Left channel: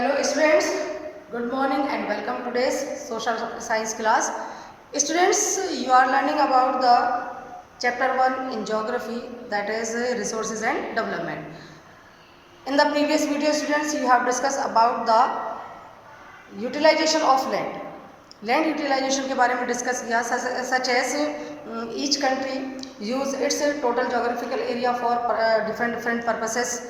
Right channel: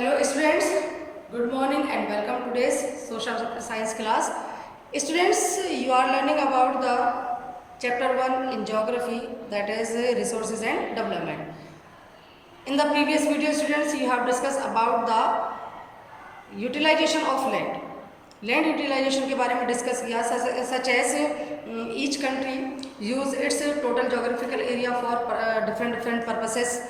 Hello students, good morning and welcome to today's social science class. Students, you are learning about the chapter 1 in geography, that is resources and development. In the previous video students, you have discussed about the utilization of land. Land utilization के बारे में discuss किया, such as each country use its total geographical area for different purposes.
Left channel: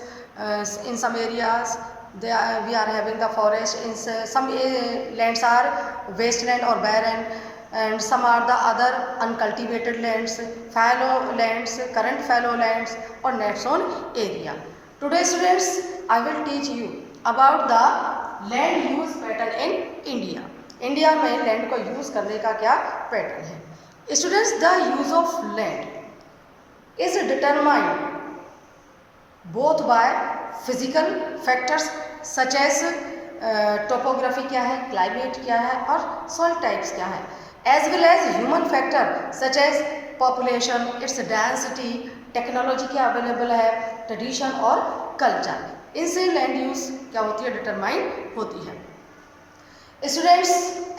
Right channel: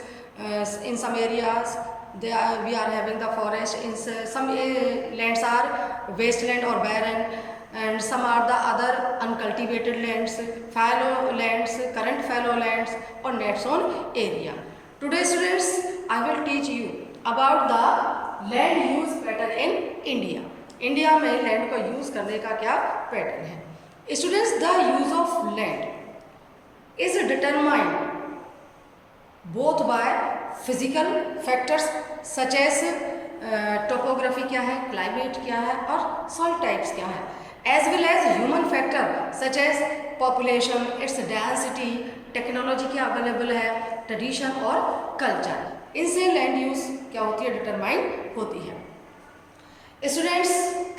In some areas we are having the forest, in some lands are wasteland or barren, and some are the other uncultivated lands, fallow lands, current fallow lands or net zone area. Today students, I will teach you about the land use pattern in India. India में land को use करने का क्या pattern है। Students, the use of land is determined both by physical factors such as topography क्या है, climate क्या है और सॉइल टाइप्स क्या है, as well as human factor such as population, its density, technology क्या अवेलेबल है, ट्रेडिशन और कल्चर। इनसे लैंड यूज क्या होती है, डिटरमाइन होती है। Students,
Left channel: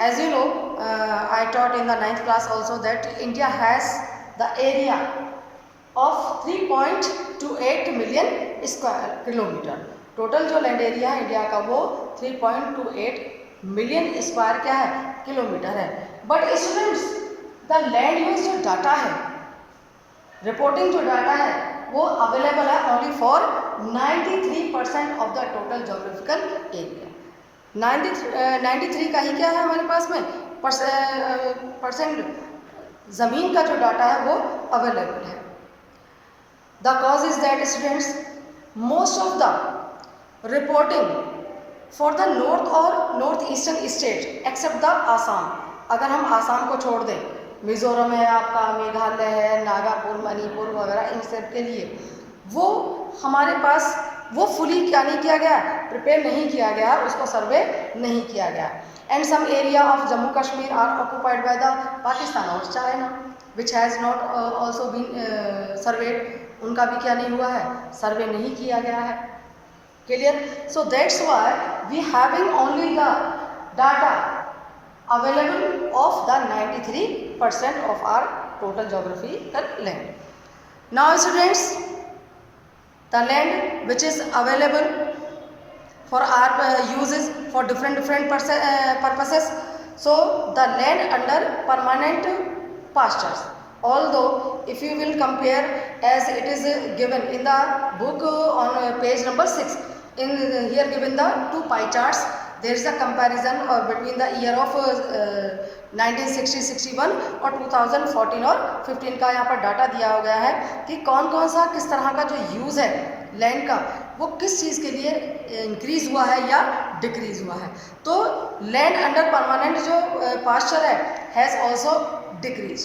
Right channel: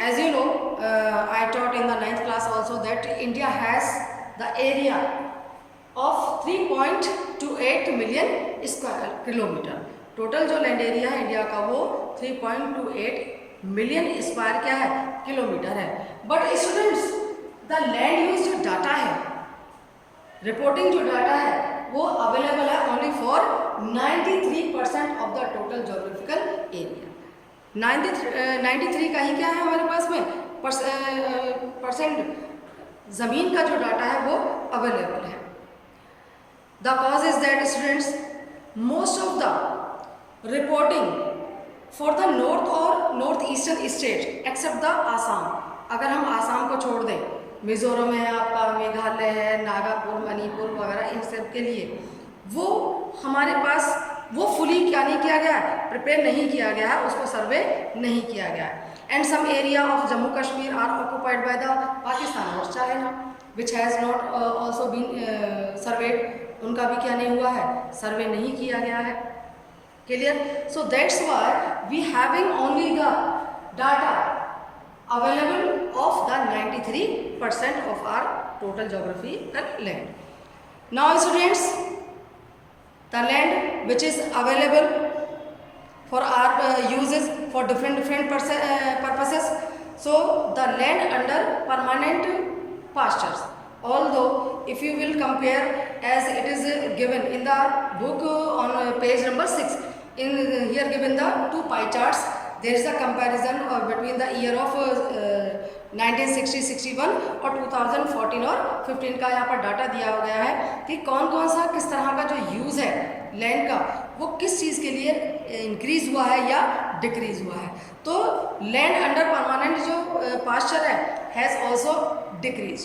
as you know, I taught in the 9th class also that India has the area of 3.28 million square kilometer. Total जो लैंड एरिया है इंडिया का वो 3.28 मिलियन स्क्वायर क्या है, किलोमीटर है। But students, the land use जो data है, reporting जो डाटा है वो अवेलेबल है only for 93% of the total geographical area. 93 का ही क्या है हमारे पास में परसेंट ज़मीन का जो डाटा है वो अवेलेबल है। The cause is that students, most of the reporting for the north और north eastern state except the Assam, अगर हम आसाम को छोड़ दें, मिजोरम है आपका, मेघालय है, नागापुर, मणिपुर वगैरह, इन सब के लिए वो हमारे पास वो फुली क्या नहीं किया गया है, प्रिपेयर नहीं किया गया है, उसको सर्वे नहीं किया गया है। And some area of Jammu Kashmir are occupied by the Pakistan और China which has not also been surveyed, उनका भी क्या नहीं हुआ है, सर्वे नहीं किया गया है। Clear? So that's why we having only the data available of the 93% of our total geographical land. Now students, the land which is available for our uses for different purposes. So the land under permanent pastures, although if you will compare as it is given in the book on page number 6, in here given the two pie charts, there is a comparison between the year of 1960-61 और 2014 और 15 का यहाँ पर data दिया गया है कि कौन कौन सा किस तरह का जो यूज़ है लैंड का वो किस चीज़ के लिए इंक्रीज़ हुआ है या डिक्रीज़ हुआ है। तो लैंड अंडर परमानेंट जो पास्चर है हैज़ ऑल्सो डिक्रीज,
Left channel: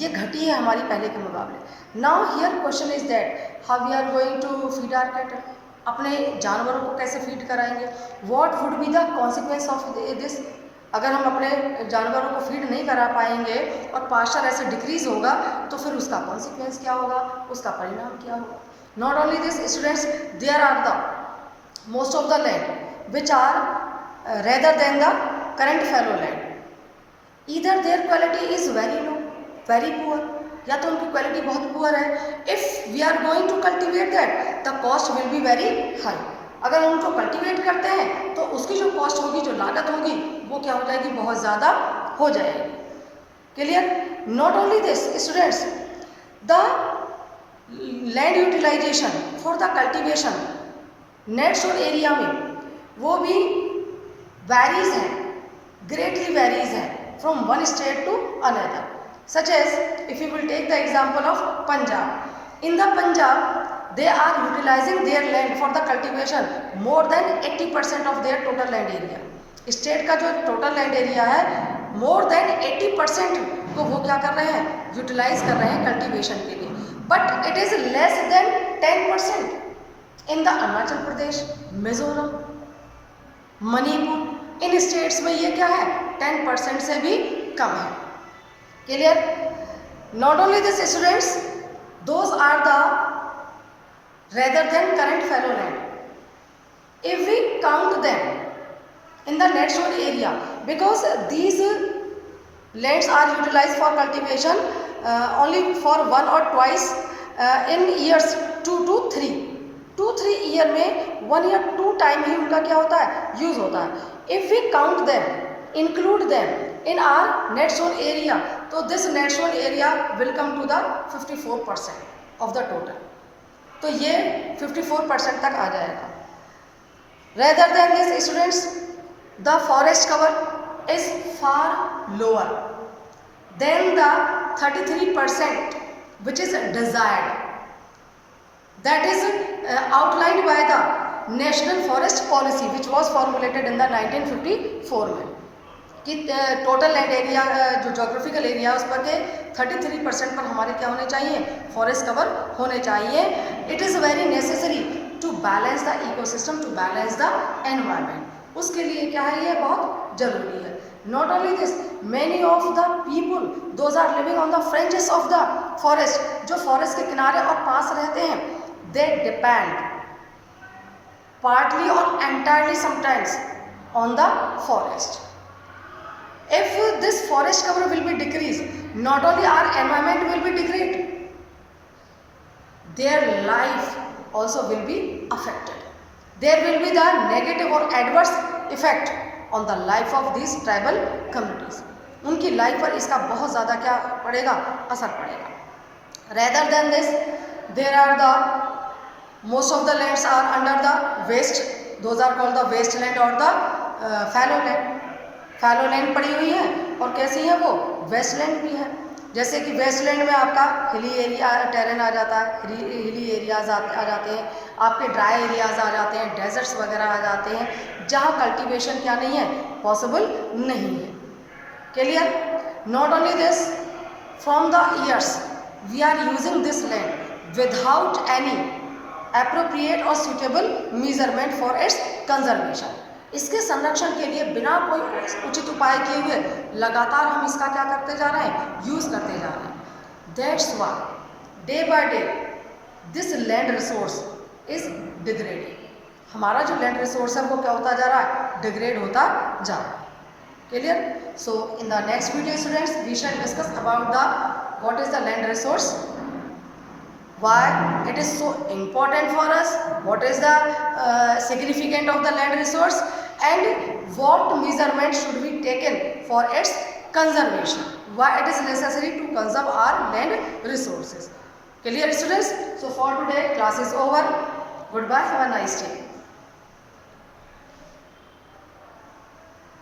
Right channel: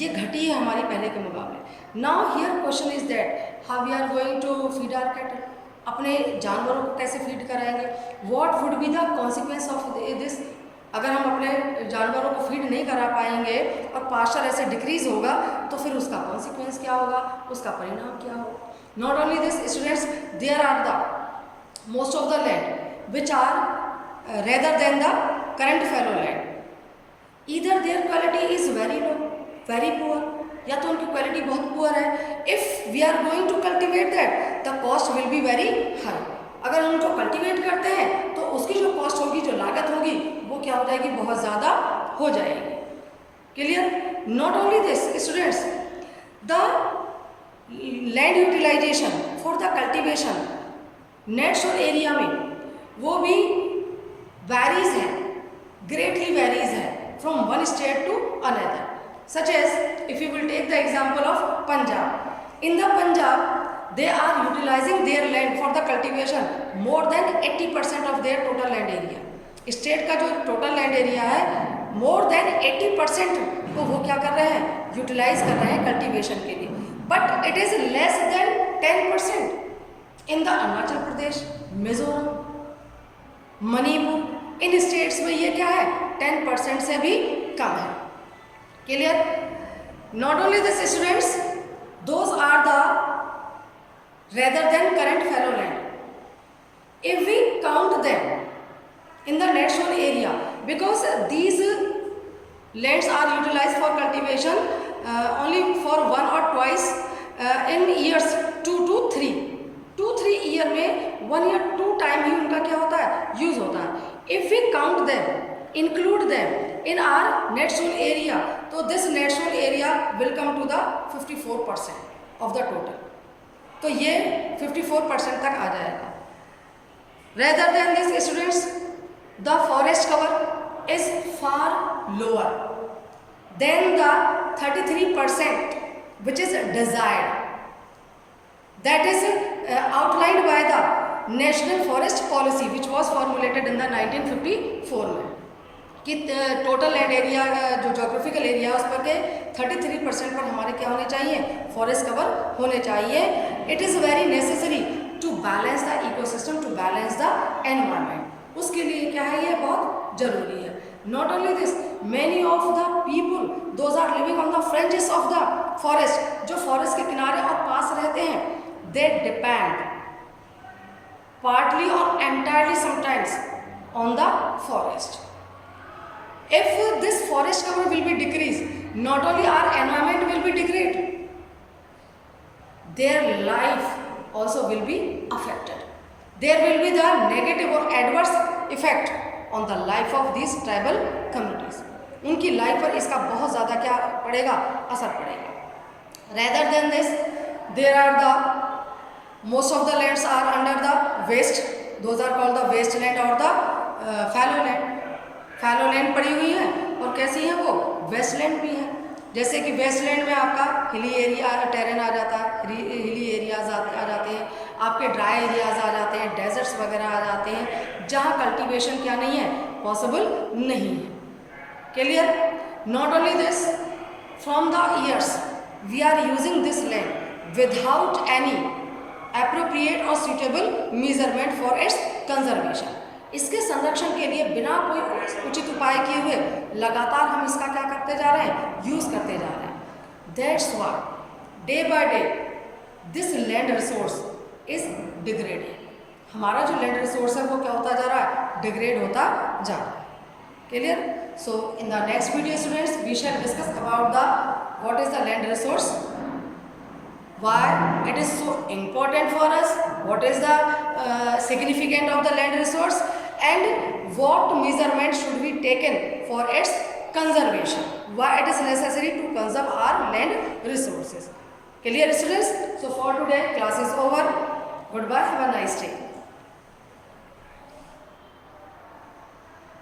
ये घटी है हमारी पहले के मुकाबले। Now here question is that how we are going to feed our cattle, अपने जानवरों को कैसे फीड कराएंगे, what would be the consequence of this. अगर हम अपने जानवरों को फीड नहीं करा पाएंगे और पास्चर ऐसे डिक्रीज होगा तो फिर उसका कॉन्सिक्वेंस क्या होगा, उसका परिणाम क्या होगा। Not only this students, there are the most of the land which are rather than the current fallow land, either their quality is very low, very poor, या तो उनकी क्वालिटी बहुत पुअर है। If we are going to cultivate that the cost will be very high, अगर हम उनको cultivate करते हैं तो उसकी जो कॉस्ट होगी, जो लागत होगी, वो क्या हो जाएगी, बहुत ज़्यादा हो जाएगी। Clear? Not only this students, the land utilization for the cultivation net sown area में वो भी वेरीज है, ग्रेटली वेरीज है from one state to another. Such as if you will take the example of Punjab, in the Punjab they are utilizing their land for the cultivation more than 80% of their total land area. State का जो total land area है more than 80% को वो क्या कर रहे हैं, utilise कर रहे हैं कल्टीवेशन के लिए, but it is less than 10% in the Arunachal Pradesh, Mizoram, Manipur, in states में ये क्या है, 10% से भी कम है। Clear? Not only this students, those are the rather than current fallow land. If we count them in the net sown area, because these lands are utilized for cultivation only for one or twice in years 2 to 3 year में 1 या 2 time ही उनका क्या होता है, use होता है. If we count them, include them in our net sown area, तो this net sown area will come to the 54% of the total. तो ये 54% तक आ जाएगा. Rather than this students, the forest cover is far lower than the 33% which is desired, that is outlined by the National Forest Policy which was formulated in the 1954 में, कि total land area जो geographical area है उस पर के 33% पर हमारे क्या होने चाहिए, फॉरेस्ट कवर होने चाहिए. It is very necessary to balance the ecosystem, to balance the environment. उसके लिए क्या है, ये बहुत ज़रूरी है. Not only this, many of the people, those are living on the fringes of the forest, जो forest के किनारे और पास रहते हैं, they depend partly or entirely sometimes on the forest. If this forest cover will be decreased, not only our environment will be degraded, their life also will be affected. There will be the negative or adverse effect on the life of these tribal communities. उनकी life पर इसका बहुत ज़्यादा क्या पड़ेगा, असर पड़ेगा. Rather than this, there are the most of the lands are under the waste, those are called the wasteland or the fallow land. fallow land पड़ी हुई है और कैसी है वो, वेस्टलैंड भी है. जैसे कि वेस्टलैंड में आपका हिली एरिया टेरेन आ जाता है, हिली एरियाज आ जाते हैं, आपके ड्राई एरियाज आ जाते हैं, डेजर्ट्स वगैरह आ जाते हैं, जहाँ कल्टीवेशन क्या नहीं है, पॉसिबल नहीं है. Clear? Not only this, from the years we are using this land without any appropriate और suitable measurement for its conservation. इसके संरक्षण के लिए बिना कोई उचित उपाय किए हुए लगातार हम इसका क्या करते जा रहे हैं, यूज़ करते जा रहे हैं. That's why day by day this land resource is degrading. हमारा जो लैंड रिसोर्स है वो क्या होता जा रहा है, डिग्रेड होता जा रहा है. Clear? So in the next video students we shall discuss about the what is the land resource, why it is so important for us, what is the significance of the land resource, and what measurement should be taken for its conservation, why it is necessary to conserve our land resources. Clear students? So for today class is over. Goodbye, have a nice day.